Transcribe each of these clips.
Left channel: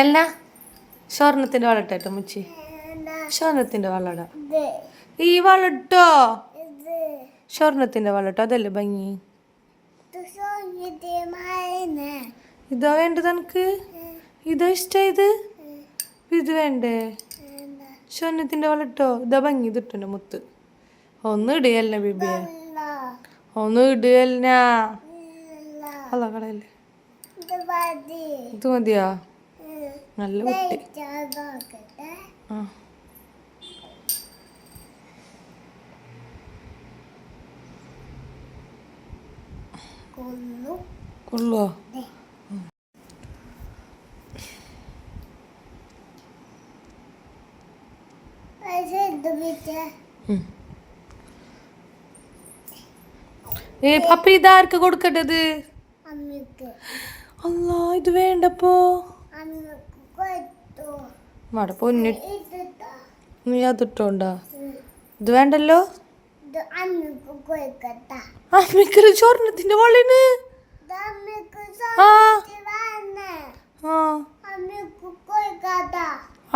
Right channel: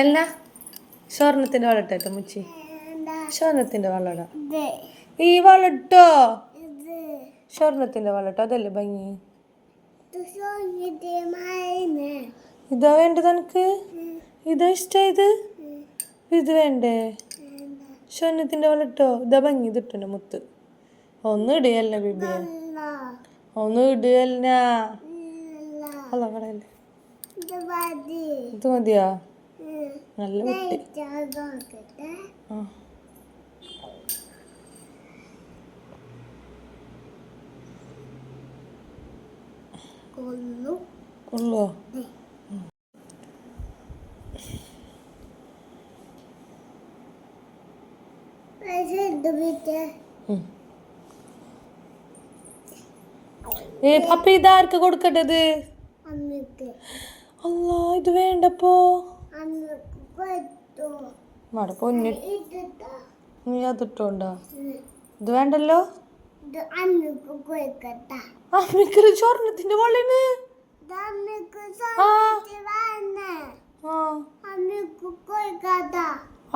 എല്ലാ സ്വർണത്തിന്റെ വളട്ടോ മുച്ചി, സ്വർണത്തിന്റെ വളട. ഈ വളട്ടോ സ്വർണത്തിന്റെ വളട്ടോ, അതല്ലേ ഭംഗി. ഇതാ വേണ്ടത് എനിക്ക്, ഇതാ ഇഷ്ടായത്. ഇത് വേണ്ടേ? സ്വർണത്തിന്റെ വളട്ടോ, ഇതാ ഭംഗി. ഇതിട്ടുണ്ട് മുത്ത്. ഒന്ന് ഇടുകയല്ല ബിബിയെ, ഒന്ന് ഇടുകയല്ല. അല്ല കടയല്ലേ, ഇത് മതിയാ? നല്ല കുട്ടി. കൊള്ളുവോ? അപ്പൊ ഇതാർക്ക് കൊടുക്കട്ടത്? അല്ലാ, ഇത് വേണ്ടപ്പോ മട പൊന്നി, നീ അതിട്ടോണ്ടാ? ഇത് വേണ്ടല്ലോ. അമ്മിക്കൊരു സ്വർണത്തിന്റെ വളന്.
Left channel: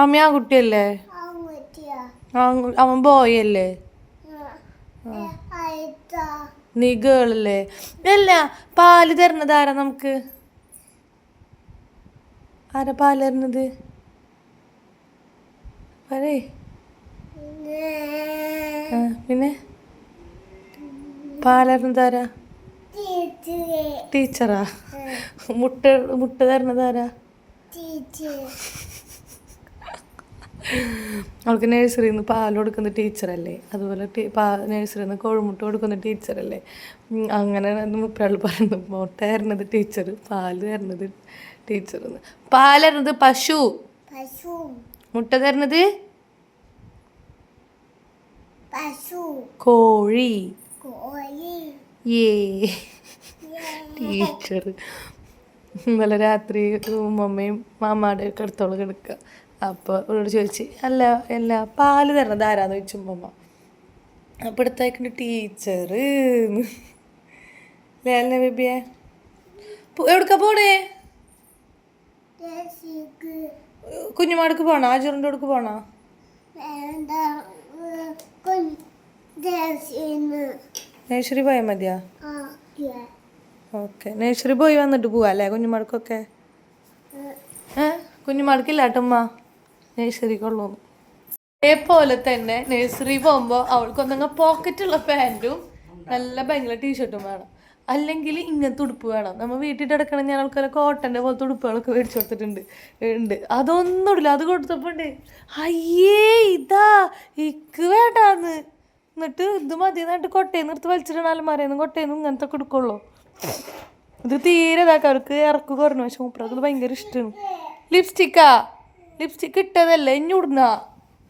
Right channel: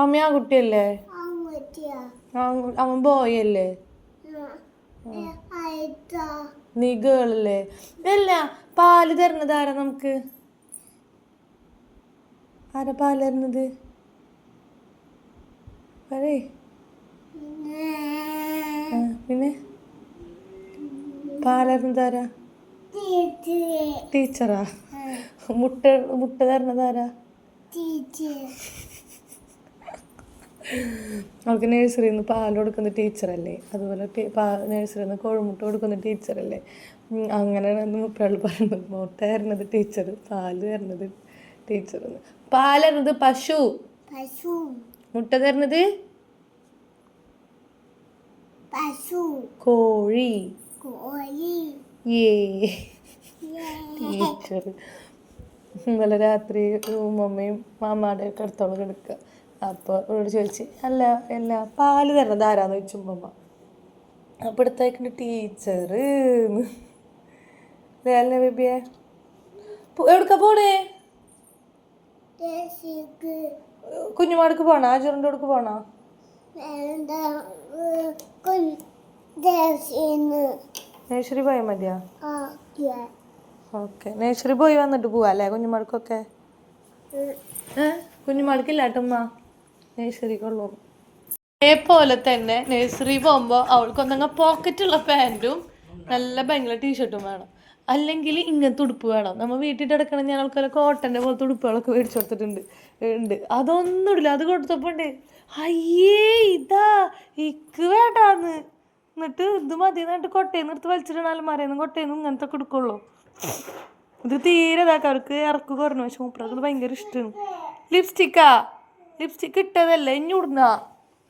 അമ്മ ആ കുട്ടിയല്ലേ, അവൻ ബോയല്ലേ, നീ ഗേളല്ലേ? അല്ല, പാല് തരണത് ആരാ നമുക്ക്? ആരാ പാല് തരണത്? പറയേ. പിന്നെ പാലരണത് ആരാ? ടീച്ചറാ? മുട്ട തരണത് ആരാ? അവൾക്ക് നഴ്സറിയിൽ നിന്ന് പാൽ കൊടുക്കുന്ന ടീച്ചറല്ലേ, അതുപോലെ നഴ്സറിയിൽ നിന്ന് കോഴിമുട്ട കൊടുക്കുന്ന ടീച്ചറല്ലേ. അങ്ങനെ മുപ്പരാൾ പറയുന്നത് മുട്ട തരണത് ടീച്ചർ, പാല് തരണത് ടീച്ചർ. പാല് തരണത് പശു, മുട്ട തരണത് കോഴി. ടീച്ചർ ഇന്നലെ രാത്രി മമ്മയും മാമാടെ ഒക്കെ അടുത്തോളം കിടക്കുക. അപ്പോൾ അവരോട് ചോദിച്ച്, അല്ല പാല് തരണത് ആരാന്ന് ചോദിച്ചു മമ്മ. അപ്പം എടുത്തേക്കുന്ന ടീച്ചർ. അല്ലേ ബേബിയെ? എവിടേക്കാ പോണേ? കുഞ്ഞുമാടക്ക് പോണോ? ആജുറിൻ്റെ അടുക്ക് പോണോ? നേഴ്സറി പോയാൽ മതിയാ? ഓക്കെ, നേഴ്സറി പോയി വന്നിട്ട് പോവാ അല്ലേ കുഞ്ഞുമാടക്കൊക്കെ? കുഞ്ഞുമാടക്കില്ല കേട്ടമ്മ, നേഴ്സറിക്കുള്ളൂ. അതേപോലെ തന്നെ നേഴ്സറി പോകുമ്പോൾ അവൾക്കൊന്നങ്ങ് പോക്കറ്റുള്ള പാൻറ്റും നല്ല ഭയങ്കര ടീഷർട്ടും വേണം, അല്ലെങ്കിൽ ഇങ്ങനത്തെ ഉടുപ്പ് വേണം. നമ്മൾ വീട്ടിൽ കിടക്കണം. ഞാൻ ആൾക്കാരെ കോട്ടൻ്റെ പോലത്തെ ഉടുപ്പുകളൊക്കെ മേടിച്ചു കൊടുത്തിട്ടുണ്ട്. അതൊന്നും ഇടില്ല. അത് കൊടുത്തപ്പോൾ ഉണ്ട്, അയ്യേ ഇതാ ഇക്ക് വേണ്ടാന്ന്. എന്നിട്ട് ഇത് മതി എന്നിട്ട് കൊട്ടയിൽ നിർത്ത് വലിച്ചിട്ടാലും മറിയുന്നു. കൊട്ടയിൽ നിന്ന് ഇങ്ങനത്തെ കൊടുക്കുള്ളൂ. ഇത് തീരെ ഇതാക്കാം, അവർക്ക് ഇറക്ക് കുറഞ്ഞു. പക്ഷെ മൂപ്പർക്ക് ഭയങ്കര ഇഷ്ടമാണ്. ലിപ്സ്റ്റിക്കാ? ലിപ്സ്റ്റിക്ക് ഇട്ടതല്ലേ, ഇനി ഇടുന്ന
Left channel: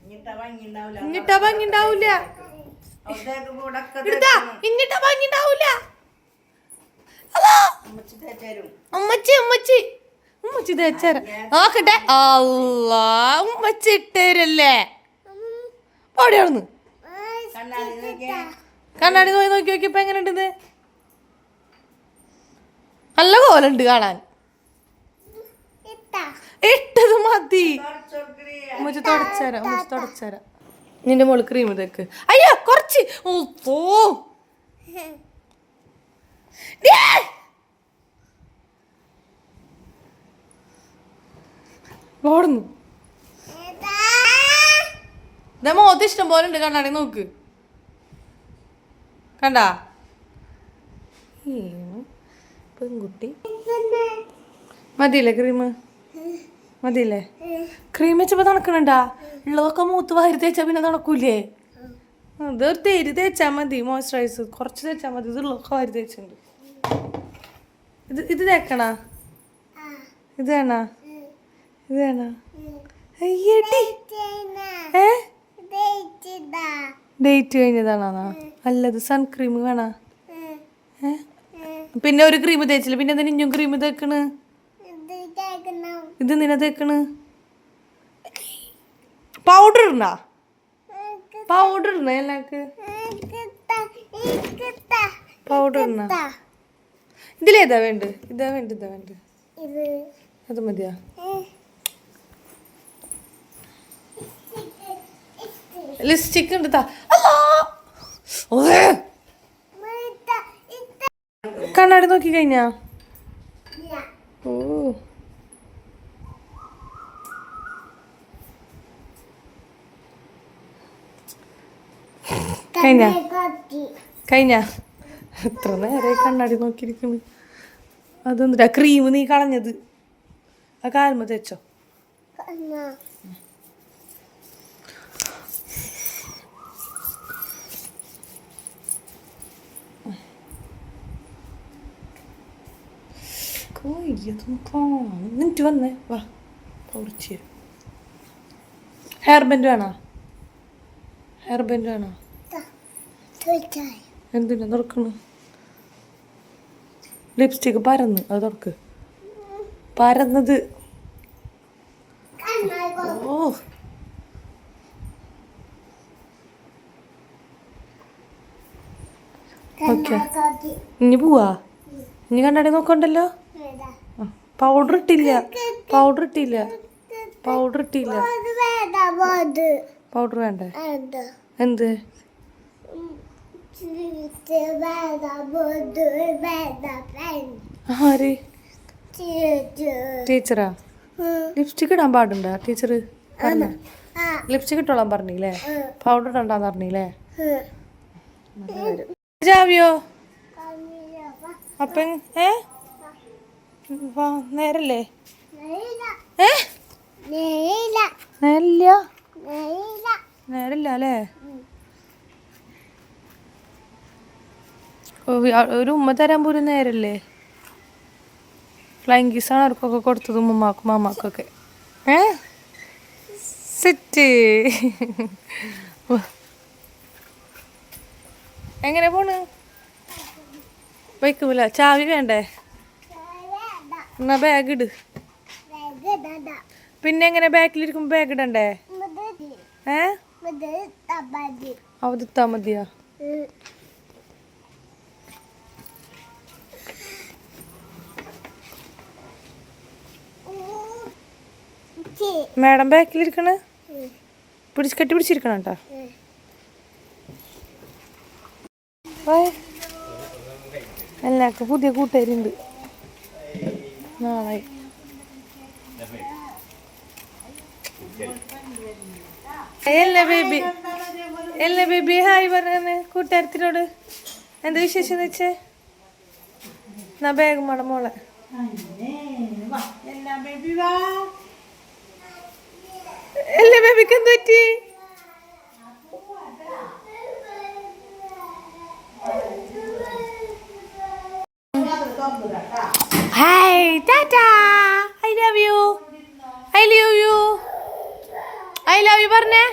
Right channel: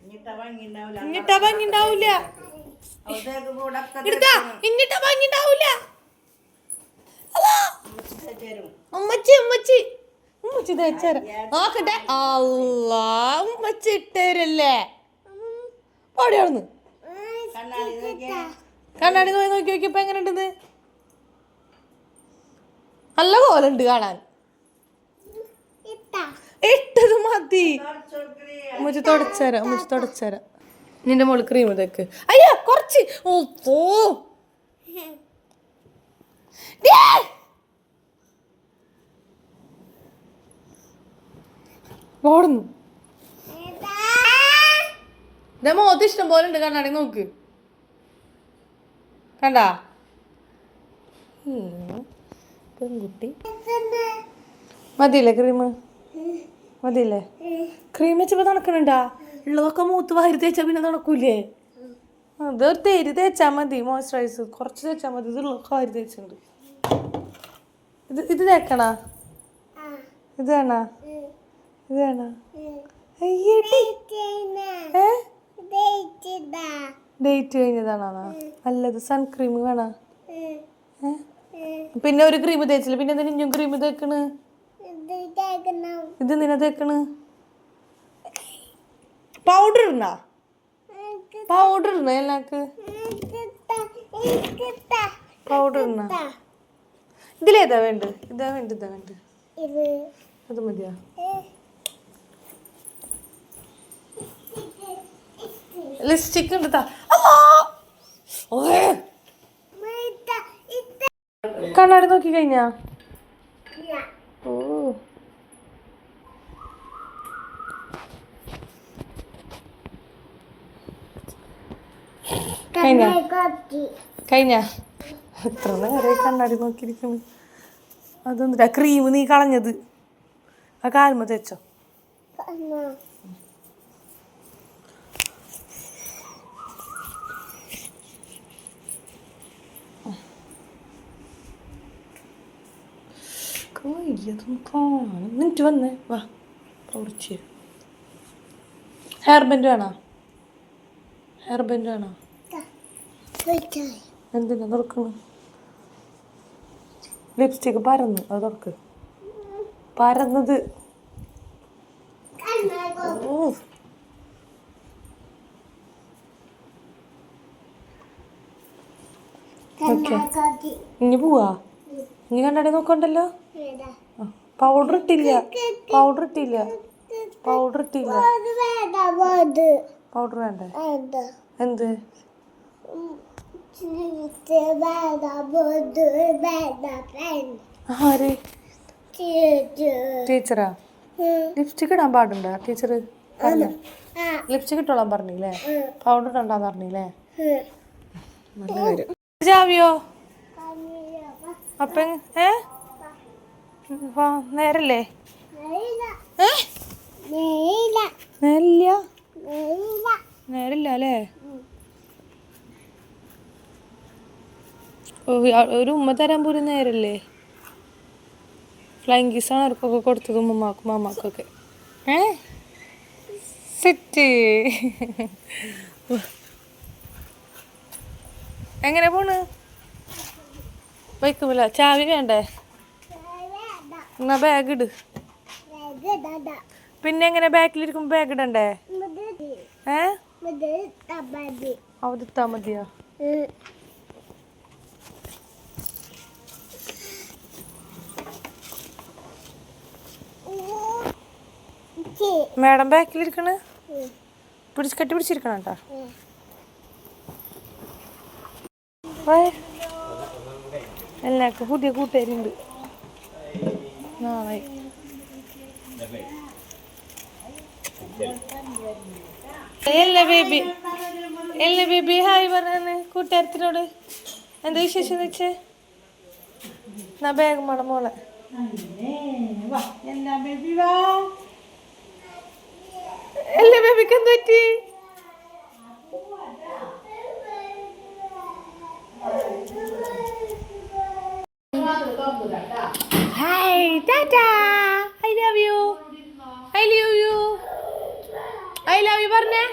ഇങ്ങിട്ടാ ഭംഗി ഉണ്ടാവൂല. ഇന്നിട്ടാ ഭംഗി ഉണ്ടാവൂല. ഉമ്മച്ചി തേച്ചേരാ നോക്കട്ടെ. അല്ലാ, ഉമ്മച്ചി ഇട്ടേരല്ലേ. ഓടിയാർന്ന് കണ്ണാടി നോക്കി നോക്കിയപ്പോ എങ്ങനെ ഉണ്ടെന്ന്? നല്ല കോലുണ്ട് കാണാൻ. ഇട്ടത് മതി. ഉമ്മച്ചി തുടച്ചേരാ. നിന്റെ മോള് ക്രീം തേക്ക്. അയ്യോ കുറച്ച്. ഓടുന്നു. ഇതാ മോത്ത് ഇഷ്ടം പോലെ ഉണ്ട്. കണ്ണാടി നോക്ക്. കണ്ടാ പെൺകുട്ടി? മതിയില്ലേ ക്രീം? മതിയില്ലേ? ക്രീം വെച്ചപ്പോ തണുക്കണണ്ടാ? ഉള്ളതൊക്കെ മൂത്ത് വാരി തേച്ചാ പിന്നെ തണക്കൂലേ? അതൊരു തേരി തേച്ചാൽ മതി. മോയ്സ്ചറൈസ് കുറച്ച് തേച്ചാൽ മതി. ഇതുള്ളതൊക്കെ വാരി തേച്ചിട്ടുണ്ട്. ഇത് തേക്കണാ? ഇത് വേണാ? ഇത് വേണാ? ഡേറ്റ് കഴിഞ്ഞതാണോ? അല്ലത് സൺക്രീം വേണാ? പിന്നെ ഒരു ക്രീം തേച്ചില്ല, പിന്നെ എന്തിനാ ഇഞ്ഞും ക്രീം തേക്കണ്? ഇത് നിന്നെ തേക്കണ്? പൗഡർ ഇടണ? പൗഡർ ഇടണ എല്ലാക്ക്? പൗഡർ ഇടണ? ഇതിലേതാ വേണ്ട? ഇതാ വേണ്ട? അത് മതിയാ? ലിപ്സ്റ്റിക് ഉണ്ട്. കണ്ണാടി നോക്കി കഴിഞ്ഞാ? ഓ കഴിഞ്ഞ എത്ര നേരെ കണ്ണാടി നോക്കിയിരിക്കുന്നു. അതൊന്നുമില്ല, ക്രീം നീ കളഞ്ഞത് ആ കാൽമ തേച്ചോ? മിനിറ്റ് വന്നേ വാ കുറച്ച്. ഹെയർ ബാൻഡ് വേണോ? ഹെയർ ബാൻഡ് വേണോ? എന്തിനാ തുറക്കണു? ലിപ്സ്റ്റിക്ക് പരന്ന് അത് തുറക്ക്. പരന്നത്. ഓ ഓക്കെ ഇനി പോവാ. ഇനി കണ്ണാടി നോക്കണ്ടല്ലോ. പൗഡർ ഇട്ടില്ല. പൗഡർ ഇട്ടില്ല. പൗഡർ ഇട്ടില്ല. പൗഡർ വേണ്ടേ? എന്ത്? ആര്? ടീച്ചറാ? ലിപ്സ്റ്റിക് ഇടാൻ പാടുണ്ടോ ടീച്ചർ? ലിപ്സ്റ്റിക് ഇട്ടോളാൻ പറഞ്ഞില്ലേ? പൗഡർ ഇടണ്ടാന്ന് പറഞ്ഞില്ലേ? ജാവിയോ അപ്പ നേരല്ലേ? നേരില്ല. നേരില്ല അല്ലേ? ഒരു ഉമ്മ തരാൻ പോലും നേരല്ലേ? ഫ്ലൈങ് കിസ്സാണ് അവർക്കൊക്കെ കൊടുത്തത്, ഉമ്മമാക്കും മാമാക്കൊക്കെ. സെറ്റ്. എങ്ങനെ പോണ്? വയ്ക്കുമില്ല. ചാവി വേണ്ടേ? എന്നാ ബാഗ് ഇട്. പിന്നെ എങ്ങനെ ബാക്കിലിരിക്കുമ്പോ ബാഗ് ഇടണ്ടേ? അവധിത്താ മതിയാ? മാഡം ബാക്കിലിരിക്കണ്. കെട്ടി പിടിച്ചിരിക്കണം കേട്ടോ. എല്ലാവർക്കും പുതിയ കൂട്ടുകാരുണ്ട്. നാളെ എല്ലാ ബേബി ഹായ് പറഞ്ഞ കൂട്ടുകാരത്തിനോട്. എന്താ വിശേഷം എന്ന് വെച്ചേ? എന്നാ ബാഗ് മട മോളെ. എല്ലാ ബേബിക്ക് എന്ത് പറ്റി? Hi tata. I love you. I love you. I love you പറഞ്ഞേ.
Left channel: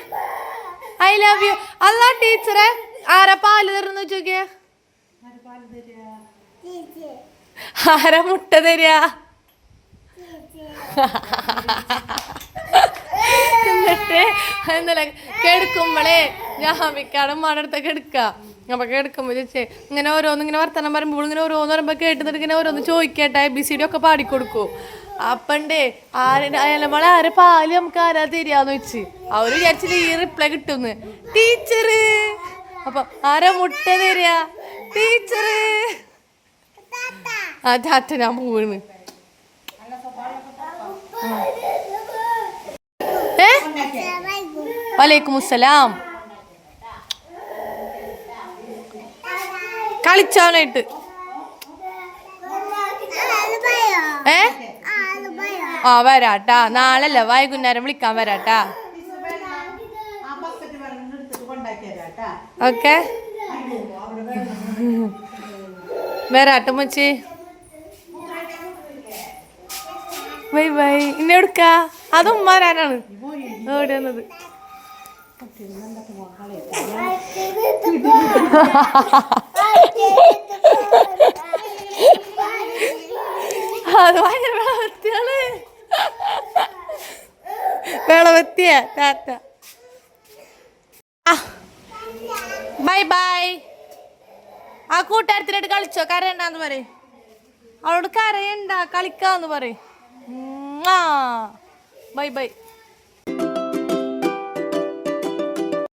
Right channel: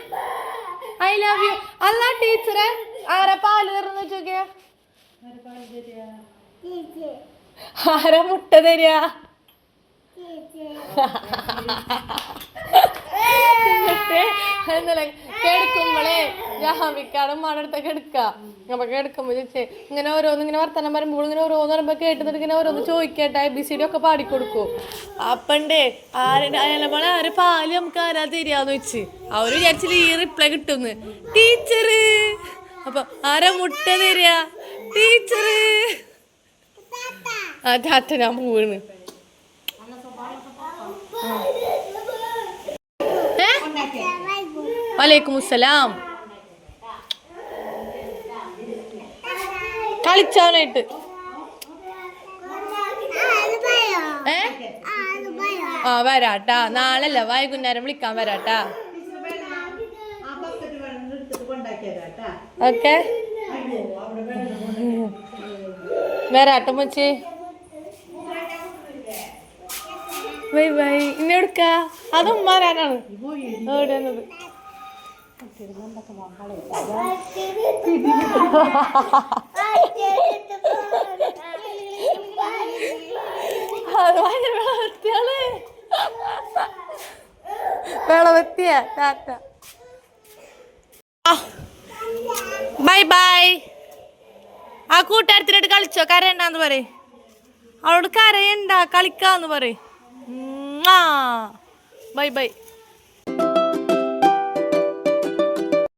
I love you. അല്ല ടീച്ചറെ ആരാ പാല് തരുന്ന ചോദിക്കേ? ആരാ മുട്ട തരിക? എന്നിട്ട് എന്നല്ലേ കെടുക്കുമ്പോളേ ജാമിക്കാടും മടടുത്തൊക്കെ എടുക്ക. അപ്പൊ കെടുക്കുമ്പോ ചോദിച്ചേ ഇങ്ങനെ ഓരോന്ന് ഇങ്ങനെ വർത്തമാനം പറയുമ്പോൾ ഇങ്ങനെ ഓരോന്ന് പറയുമ്പോ കേട്ടിട്ട് ഇങ്ങനെ ഓരോന്ന് ചോദിക്കട്ടെ. ABCD ഒക്കെ പാടിക്കൊടുക്കും. അപ്പണ്ടേ മോളെ ആരെ പാല് നമുക്ക് ആരാ തരികയെന്ന് വെച്ച് അവര് വിചാരിച്ചിട്ട് ഈ റിപ്ലൈ കിട്ടുന്ന്. ടീച്ചറ്. അപ്പൊ ആരാ മുട്ട തരിക? ടീച്ചറ്. ആ ടാറ്റ ഞാൻ പോവാണ്. വലൈക്കും അസ്സലാം. കളിച്ചാനായിട്ട് ആ വരാട്ടാ. നാളല്ല വൈകുന്നേരം വിളിക്കാൻ വരാട്ടാ. ഓക്കെ വരാട്ട മച്ചി. Bye bye. ഇന്നെ എടുക്കാ അതും വരാനാണ് ഓടി വന്നത്. അത് ഭയങ്കര വിളവത്തിയാണ്. വിളവത്തിയ ടാറ്റ. Bye bye. ആ കൂട്ടുകാരത്തിനായിട്ട് കളിച്ചോ? കരയണ്ടാന്ന് പറയും. അവളോട് കരയണ്ട കളിക്കാന്ന് പറയും. Bye by.